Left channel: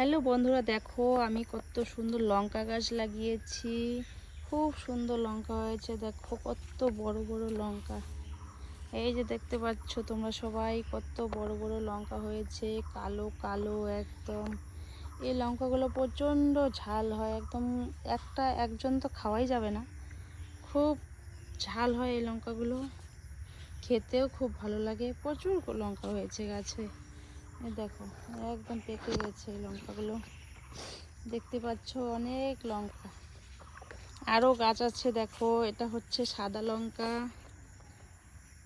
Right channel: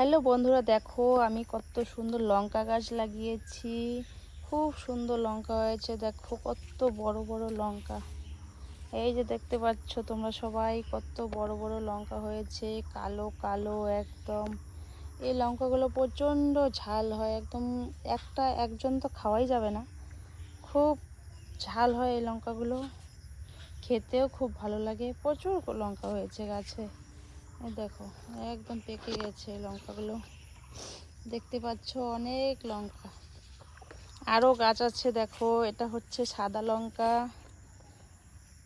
Hello বন্ধুরা, দেখো আমি কত সুন্দর লঙ্কা গাছ লাগিয়েছি। খুব সুন্দর লঙ্কা হয়েছে। দেখো কত বড় বড় লঙ্কা। এই যে দেখতে পাচ্ছ তোমরা সবাই, কত বড় বড় লঙ্কা হয়েছে, কালো কালো একদম। এই লঙ্কাগুলো প্রচণ্ড ঝাল হয়, একদম একজন তো খাওয়াই যাবে না, খুব ঝাল হয় এই লঙ্কাগুলো। খেতেও খুব ভালো লাগে। প্রচুর লঙ্কা হয়েছে গাছে। এই দেখো একদম পেকে গেছে এই লঙ্কাগুলো, দেখতে পাচ্ছ অনেক লঙ্কা। আরও গাছ আছে দেখো, এটা হচ্ছে সাদা লঙ্কা,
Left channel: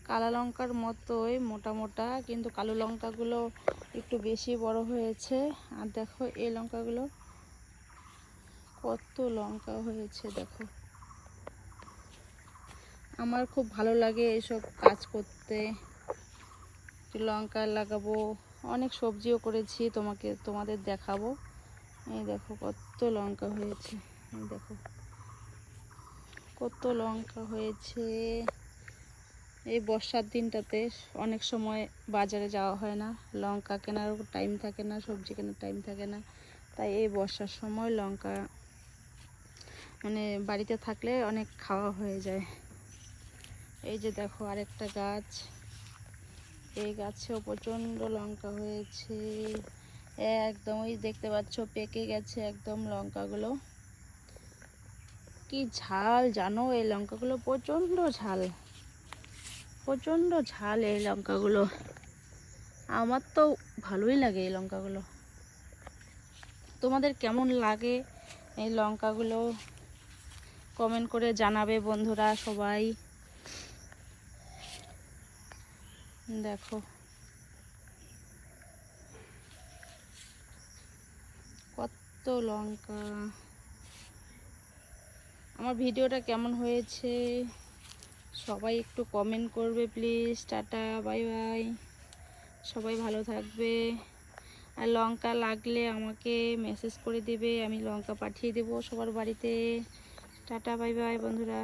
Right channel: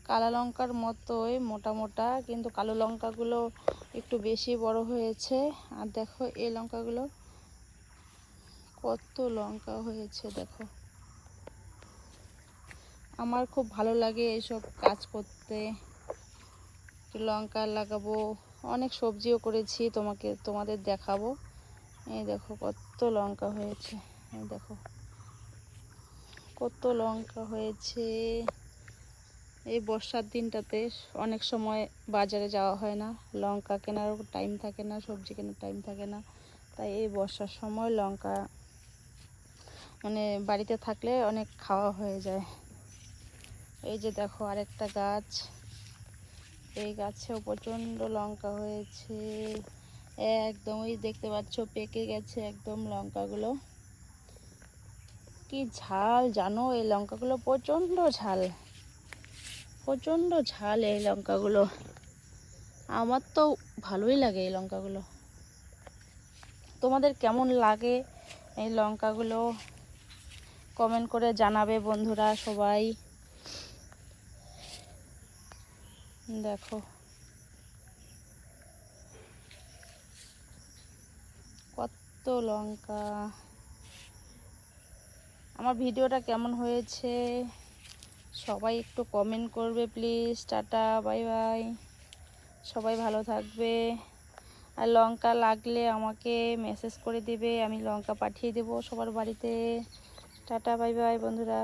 কালো লঙ্কার মতোই মোটা মোটা, কিন্তু কালো লঙ্কাগুলো একটু বেশি বড় হয়েছে। আর দেখো এই লঙ্কাগুলো কত লঙ্কা হয়েছে দেখো। আমার খুব ভালো লাগে এইসব কাজ করতে। লঙ্কা লাগাবো, অনেক সবজিও করেছি, তোমাদের দেখাবো। এই দেখো কত লঙ্কা হয়েছে, এই দেখো কত লঙ্কা হয়েছে। এই বর্ষার দিনটাতে অনেক সময় বাজারে যাওয়া হয় না, লঙ্কা কেনারও টাইম থাকে না, সবজি কেনার টাইম থাকে না, তাই এই বর্ষার সময় লঙ্কা বাড়িতে থাকলে অনেক খাওয়া হয়ে যায়। এই যে দেখো আরেকটা গাছ, এই গাছেও প্রচণ্ড লঙ্কা হয়েছে। একদমই দেখতে পাচ্ছ পেকে গেছে একদম লঙ্কাগুলো। কি ঝাল জানো এই লঙ্কাগুলো, প্রচণ্ড ঝাল, প্রচণ্ড ঝাল এই লঙ্কাগুলো। আমার তো ভালোই লাগে এই লঙ্কাগুলো। তোমাদের কেমন লাগে এই লঙ্কাগুলো কমেন্ট করে জানাবে বন্ধুরা সবাই। দেখো কত লঙ্কা। আমার ভিডিওটা কেমন হয়েছে সবাই একটু কমেন্ট করবে প্লিজ। টাটা, বাই বাই, সবাই ভালো থাকবে। আর লঙ্কা লাগলে আমাকে মেসেজ করে দিবে, আমি লঙ্কা পাঠিয়ে দেবো সবার বাড়িতে। টাটা, বাই বাই বন্ধুরা।